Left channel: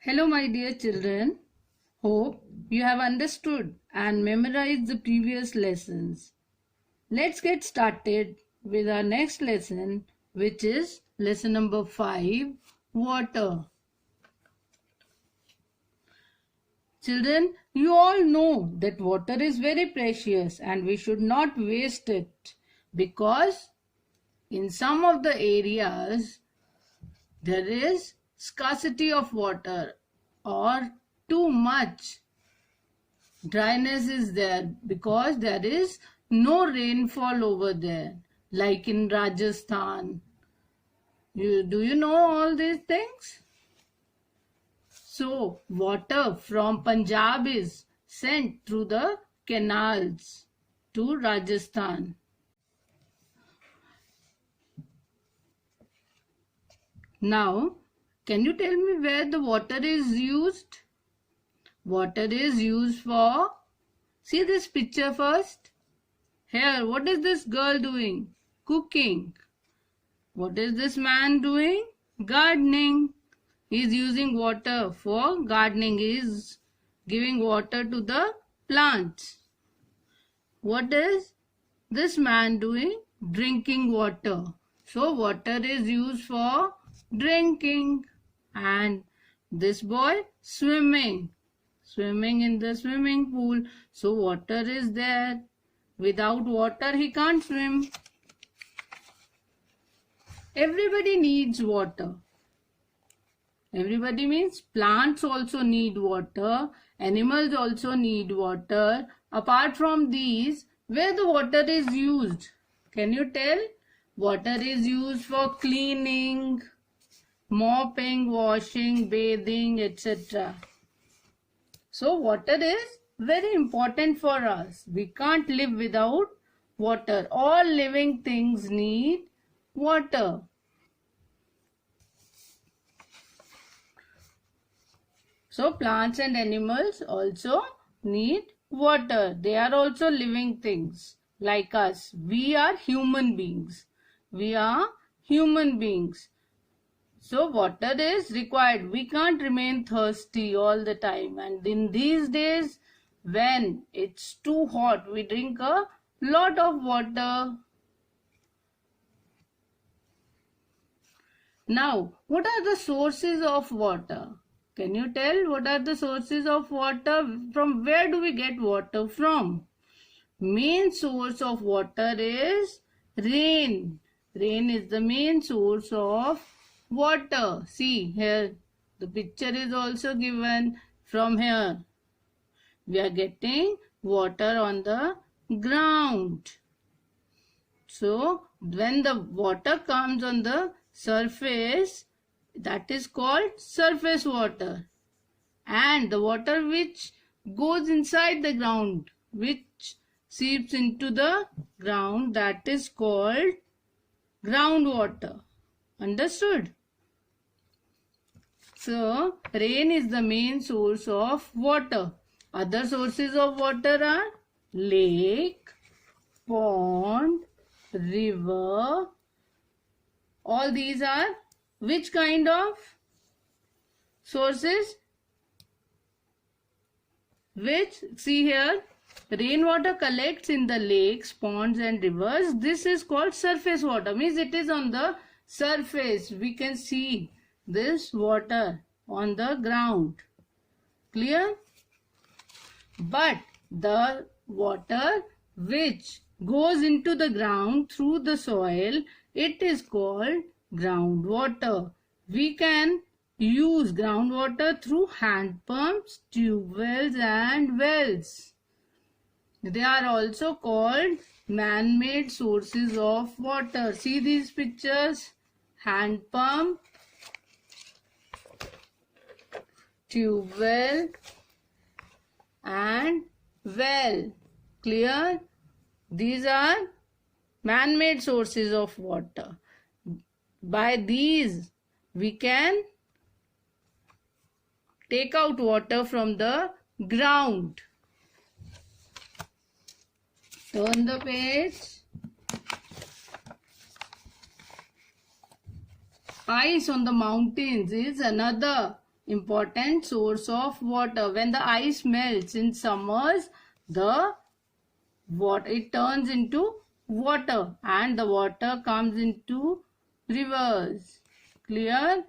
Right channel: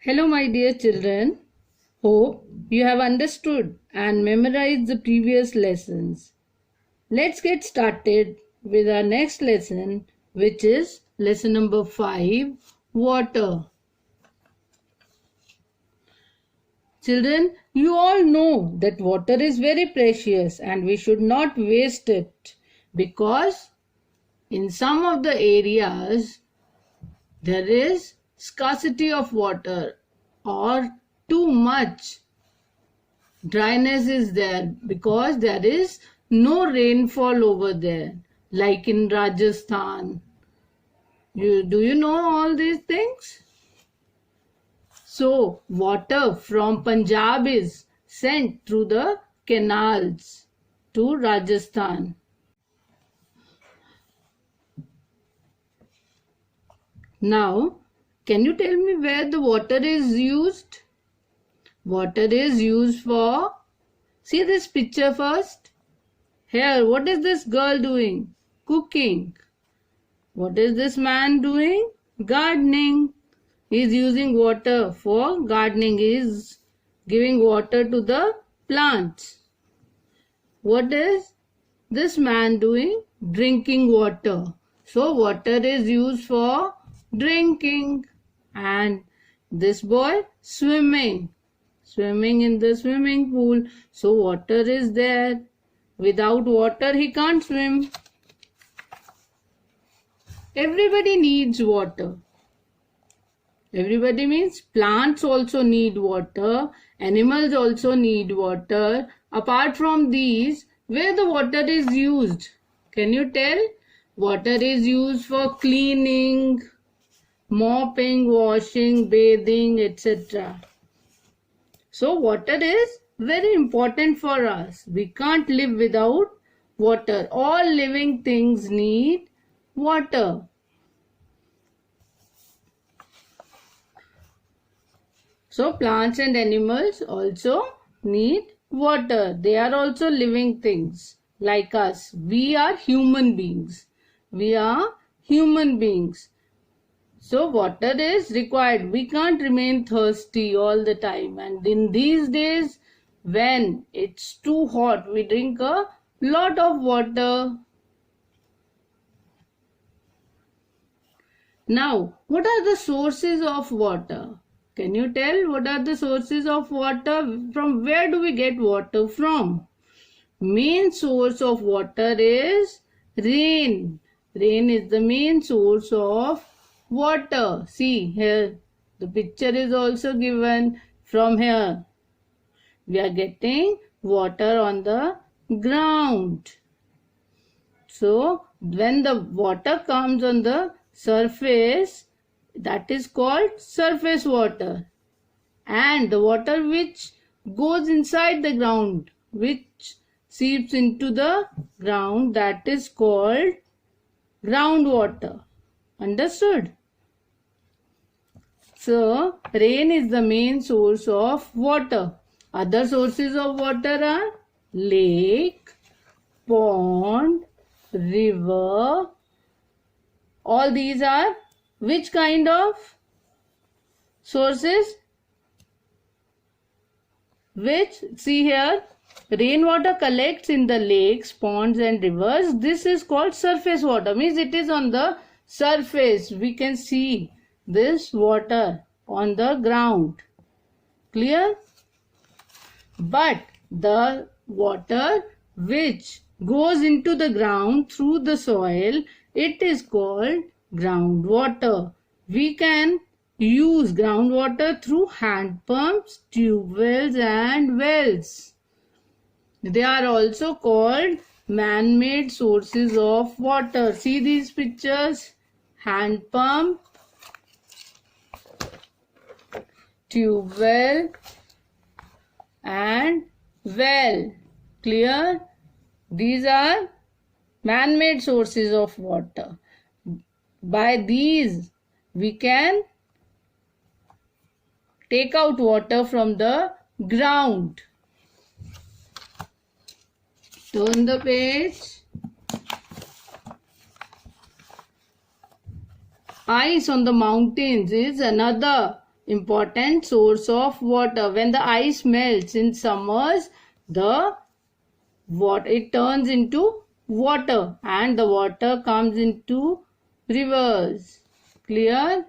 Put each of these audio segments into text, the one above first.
Hello, my dear children. Hope you have understood and memorized the previous lessons. Let's get started with our next lesson, which is lesson number 5, water. Children, you all know that water is very precious and we should not waste it because in some of the areas there is scarcity of water or too much dryness is there because there is no rainfall over there, like in Rajasthan. Do you know all these things? So water from Punjab is sent through the canals to Rajasthan. Now, can you tell me where the water is used? Water is used for, see this picture first. Here, what is this girl doing? Cooking. What is this man doing? Gardening. He is using water for gardening. He is giving water to the plants. What is this man doing? Drinking water. So, water is used for drinking. And this boy swimming in the swimming pool. So water is there. Without water he can't swim. Everybody needs water. Everybody means plants also need water, animals also need water. Apart from these, where the water is used, can you tell? Water is used for cleaning, mopping, washing, bathing, etc. So water is very important for us. We can't live without water. All living things need water. So plants and animals also need water. They are also living things like us. We are human beings. So water is required. We can't remain thirsty all the time. And in these days, when it's too hot, we drink a lot of water. Now, what are the sources of water? Can you tell what are the sources of water? From where do we get water from? Main source of water is rain. Rain is the main source of water. See here, the picture is also given. From here we are getting water on the ground. So when the water comes on the surface, that is called surface water. And the water which goes inside the ground, which seeps into the ground, that is called groundwater. Understood? So, rain is the main source of water. Other sources of water are lake, pond, river. All these are which kind of sources? Which, see here, rainwater collects in the lakes, ponds and rivers. This is called surface water. Means it is on the surface. We can see this water on the ground. Clear? But the water which goes into the ground through the soil, it is called groundwater. We can use groundwater through hand pumps, tube wells and wells. They are also called man-made sources of water. See these pictures? Hand pump, tube well and well. Clear? These are man-made sources of water. By these we can take out water from the ground. Turn the page. Ice on the mountains is another important source of water. When the ice melts in summers, it turns into water, and the water comes into rivers. Clear?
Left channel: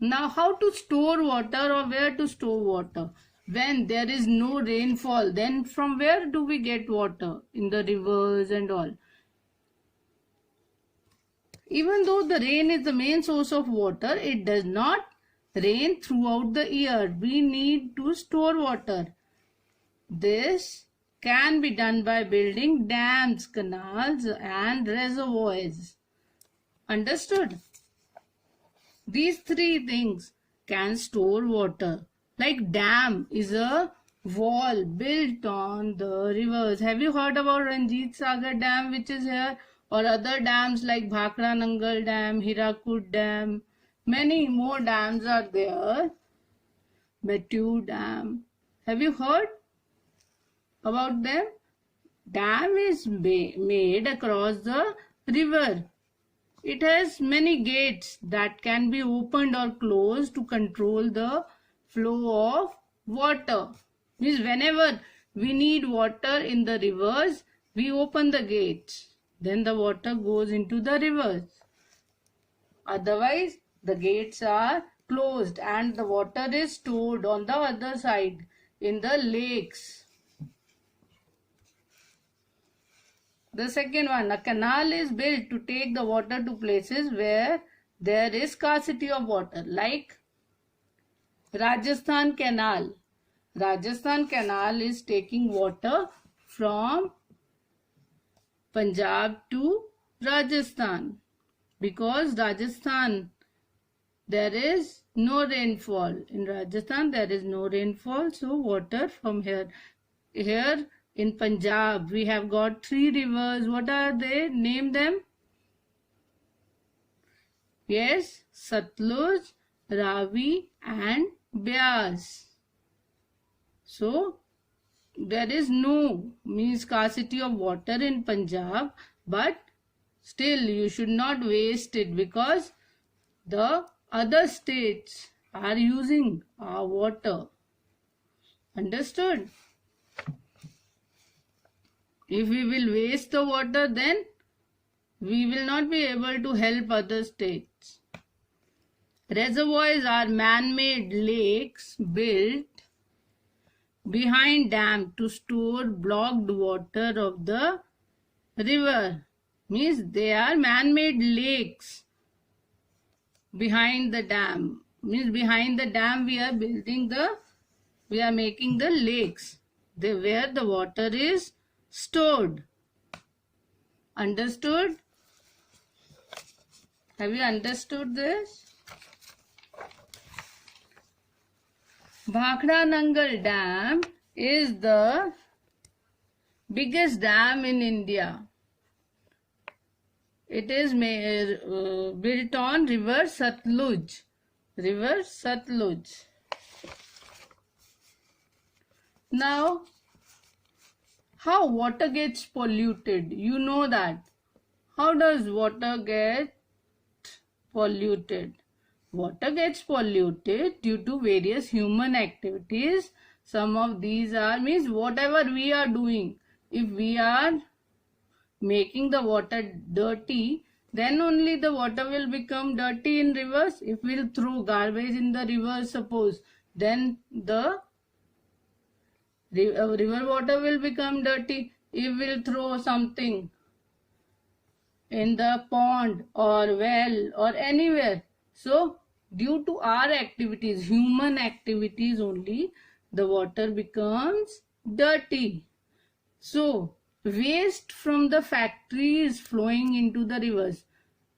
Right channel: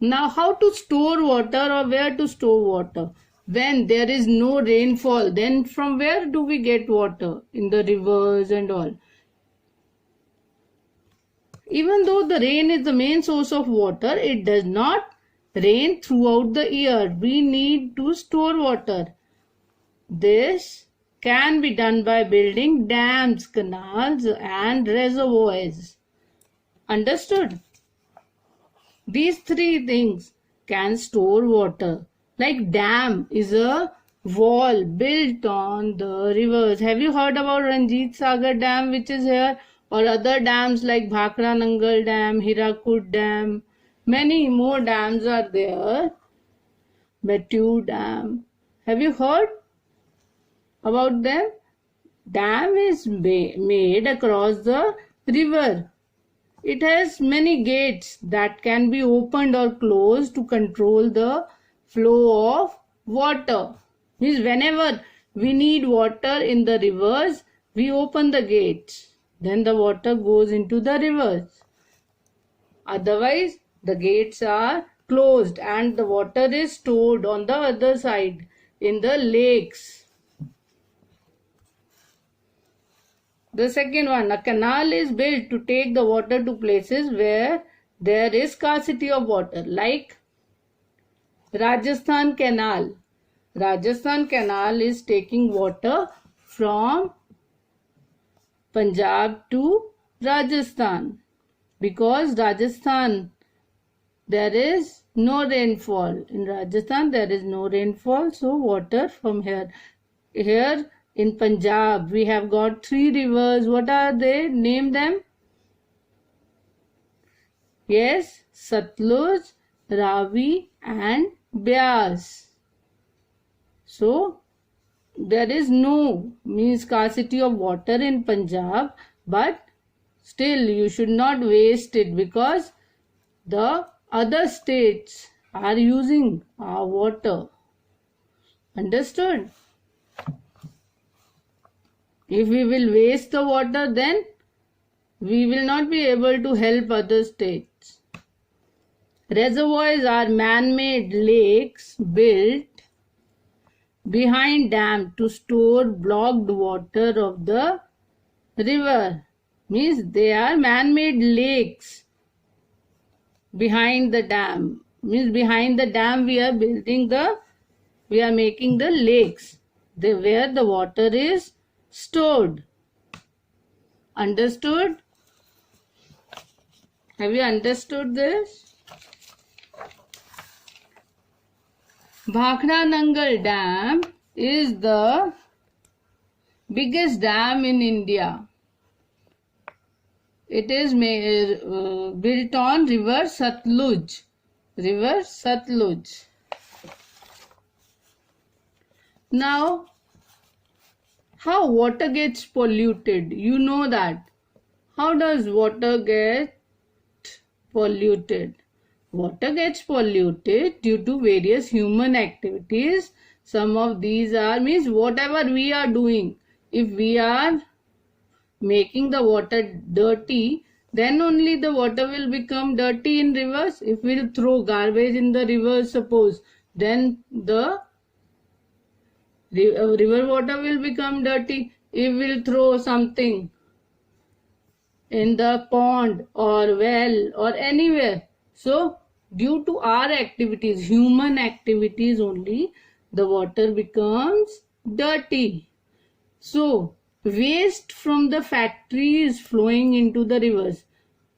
Now, how to store water or where to store water? When there is no rainfall, then from where do we get water? In the rivers and all. Even though the rain is the main source of water, it does not rain throughout the year. We need to store water. This can be done by building dams, canals, and reservoirs. Understood? These three things can store water. Like dam is a wall built on the rivers. Have you heard about Ranjit Sagar Dam, which is here? Or other dams like Bhakra Nangal Dam, Hirakud Dam. Many more dams are there. Betu Dam. Have you heard about them? Dam is made across the river. It has many gates that can be opened or closed to control the flow of water. Means whenever we need water in the rivers, we open the gates. Then the water goes into the rivers. Otherwise, the gates are closed and the water is stored on the other side in the lakes. The second one, a canal is built to take the water to places where there is scarcity of water, like Rajasthan Canal. Rajasthan Canal is taking water from Punjab to Rajasthan, because Rajasthan there is no rainfall. In Rajasthan there is no rainfall, so water from here in Punjab we have got three rivers. What are they? Name them. Yes, Satluj, Ravi and Beas. So there is no scarcity of water in Punjab, but still you should not waste it, because the other states are using our water. Understood? If we will waste the water, then we will not be able to help other states. Reservoirs are man-made lakes built behind dam to store blocked water of the river. Means they are man-made lakes behind the dam. Means behind the dam we are making the lakes where the water is stored. Understood? Have you understood this? Bhakra Nangal Dam is the biggest dam in India. It is built on river Satluj. River Satluj. Now, how water gets polluted? You know that. How does water get polluted? Water gets polluted due to various human activities. Some of these are, whatever we are doing. If we are making the water dirty, then only the water will become dirty in rivers. If we will throw garbage in the rivers, suppose, then the river water will become dirty. If we will throw something in the pond or well or anywhere, so due to our activities, human activities only, the water becomes dirty. So waste from the factories flowing into the rivers.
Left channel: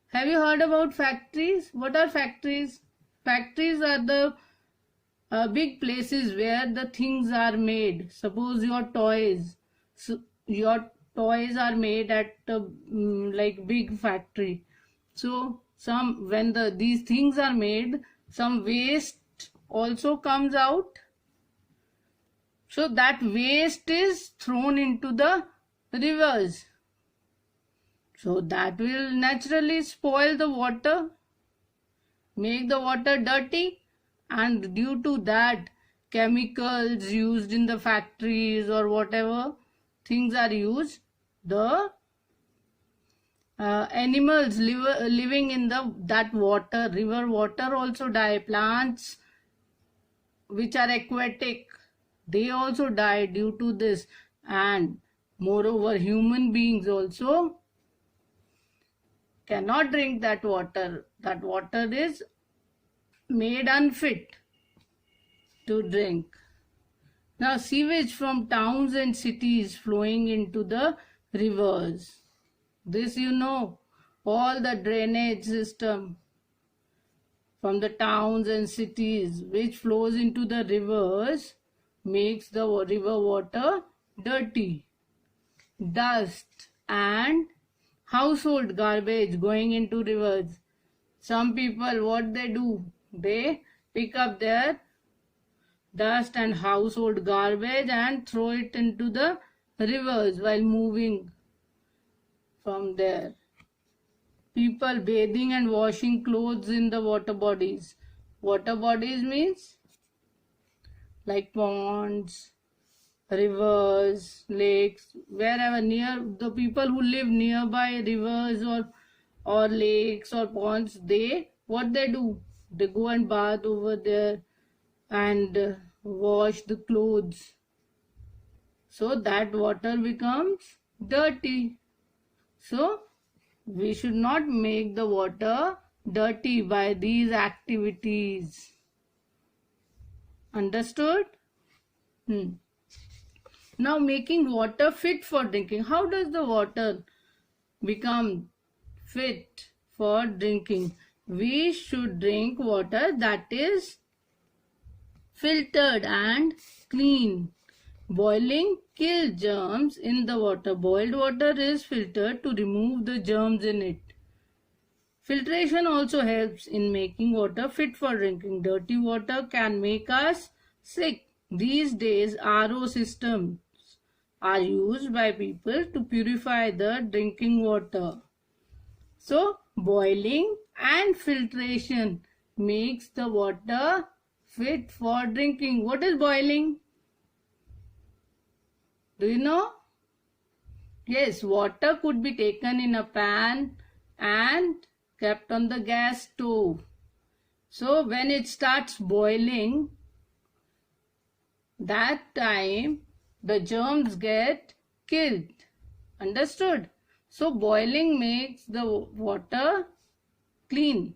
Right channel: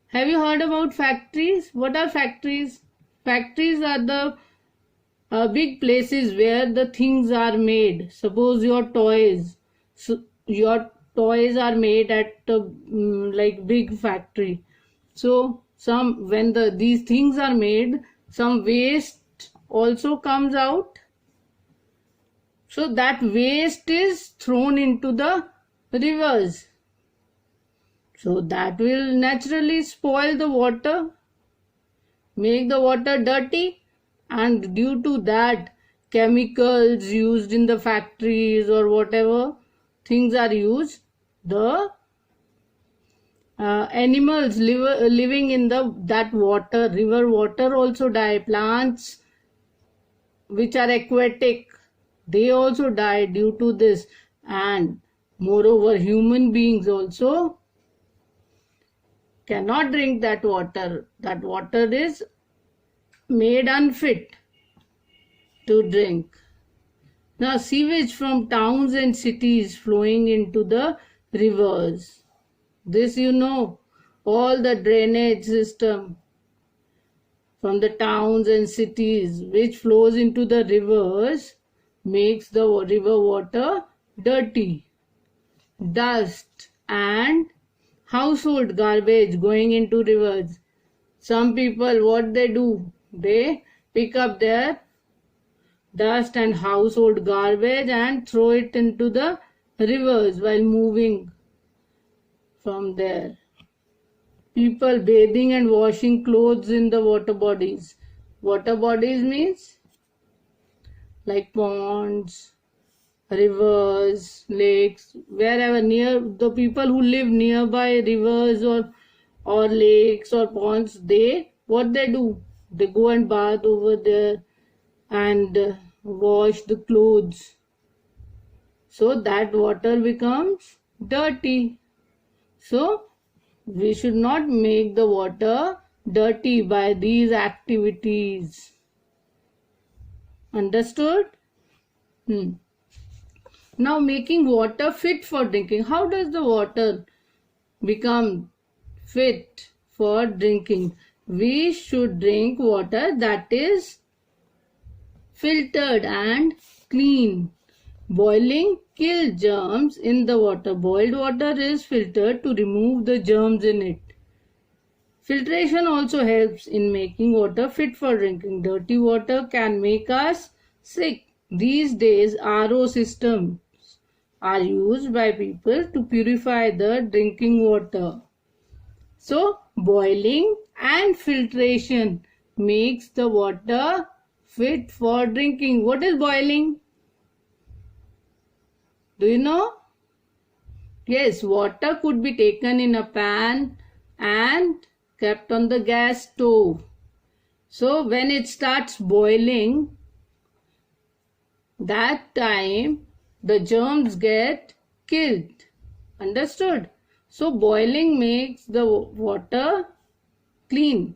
Have you heard about factories? What are factories? Factories are the big places where the things are made. Suppose your toys. So your toys are made at like big factory. So when these things are made, some waste also comes out. So that waste is thrown into the rivers. So that will naturally spoil the water. make the water dirty, and due to that chemicals used in the factories or whatever things are used, the animals living in that water, river water also die. Plants which are aquatic, they also die due to this. And moreover, human beings also cannot drink that water. That water is made unfit to drink. Now, sewage from towns and cities flowing into the rivers. This you know, all the drainage system from the towns and cities which flows into the rivers makes the river water dirty. Dust and household garbage going into rivers. Some people, what they do? They pick up their dust and household garbage and throw it into the rivers while moving from there. People bathing and washing clothes in the water bodies. Water bodies means like ponds, rivers, lakes, wherever near the people who live nearby rivers or lakes or ponds, what they do? They go and bath over there and wash the clothes. So that water becomes dirty. So we should not make the water dirty by these activities. Understood? Now, making water fit for drinking. How does the water become fit for drinking? We should drink water that is filtered and clean. Boiling kills germs in the water. Boiled water is filtered to remove the germs in it. Filtration also helps in making water fit for drinking. Dirty water can make us sick. These days, RO systems are used by people to purify the drinking water. So, boiling and filtration makes the water fit for drinking. What is boiling? Do you know? Yes, water could be taken in a pan and kept on the gas stove. So when it starts boiling, that time the germs get killed. Understood? So boiling makes the water clean.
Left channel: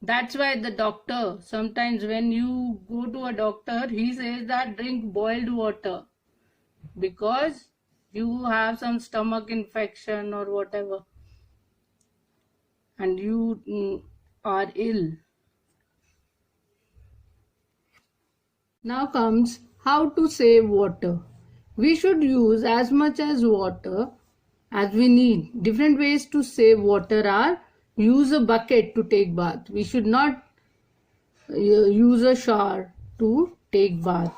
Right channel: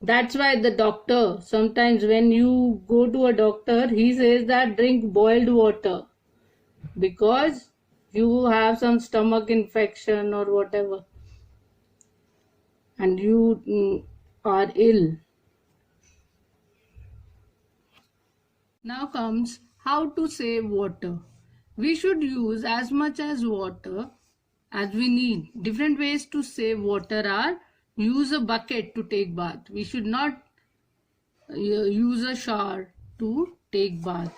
That's why the doctor, sometimes when you go to a doctor, he says that drink boiled water because you have some stomach infection or whatever and you are ill. Now comes how to save water. We should use as much as water as we need. Different ways to save water are: use a bucket to take bath. We should not use a shower to take bath.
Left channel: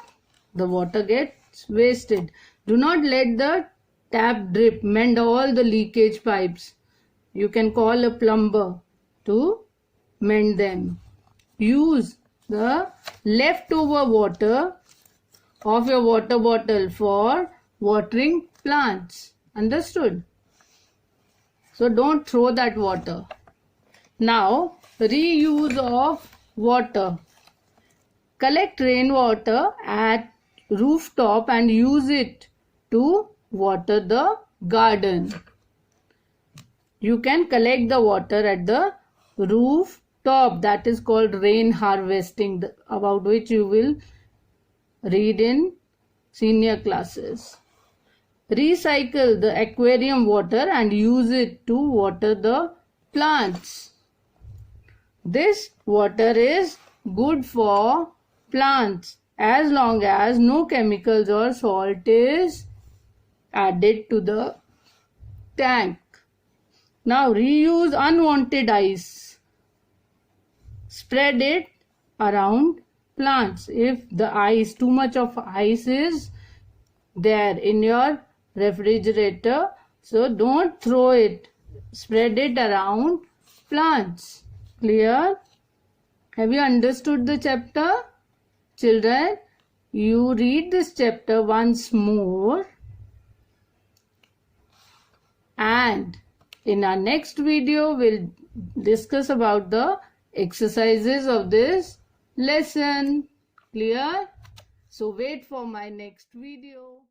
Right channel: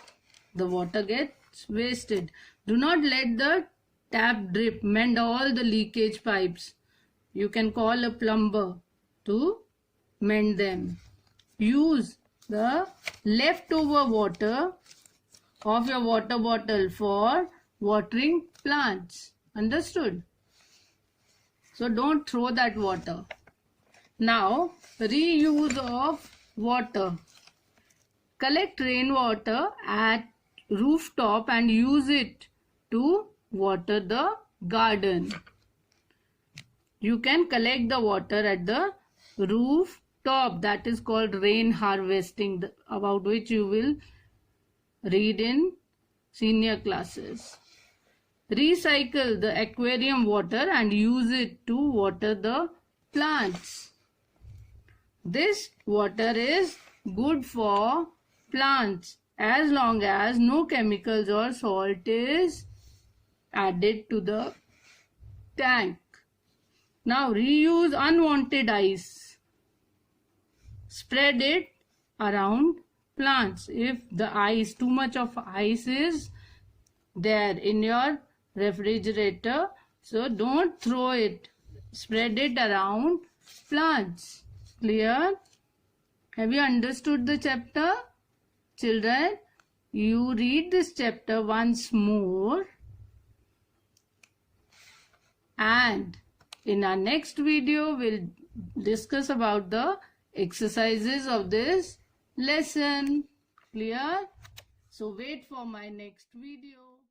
The water gets wasted. Do not let the tap drip. Mend all the leakage pipes. You can call a plumber to mend them. Use the leftover water of your water bottle for watering plants. Understood? So don't throw that water. Now, reuse of water. Collect rainwater at rooftop and use it to water the garden. You can collect the water at the rooftop. That is called rain harvesting, about which you will read in senior classes. Recycle the aquarium water and use it to water the plants. This water is good for plants as long as no chemicals or salt is added to the tank. Now reuse unwanted ice. Spread it around plants. If the ice, too much of ice is there in your refrigerator, so don't throw it. Spread it around plants. Clear? Have you understood the chapter? Children, you read this chapter once more, and in our next video we'll discuss about the exercises of this lesson. Clear? So wait for my next video.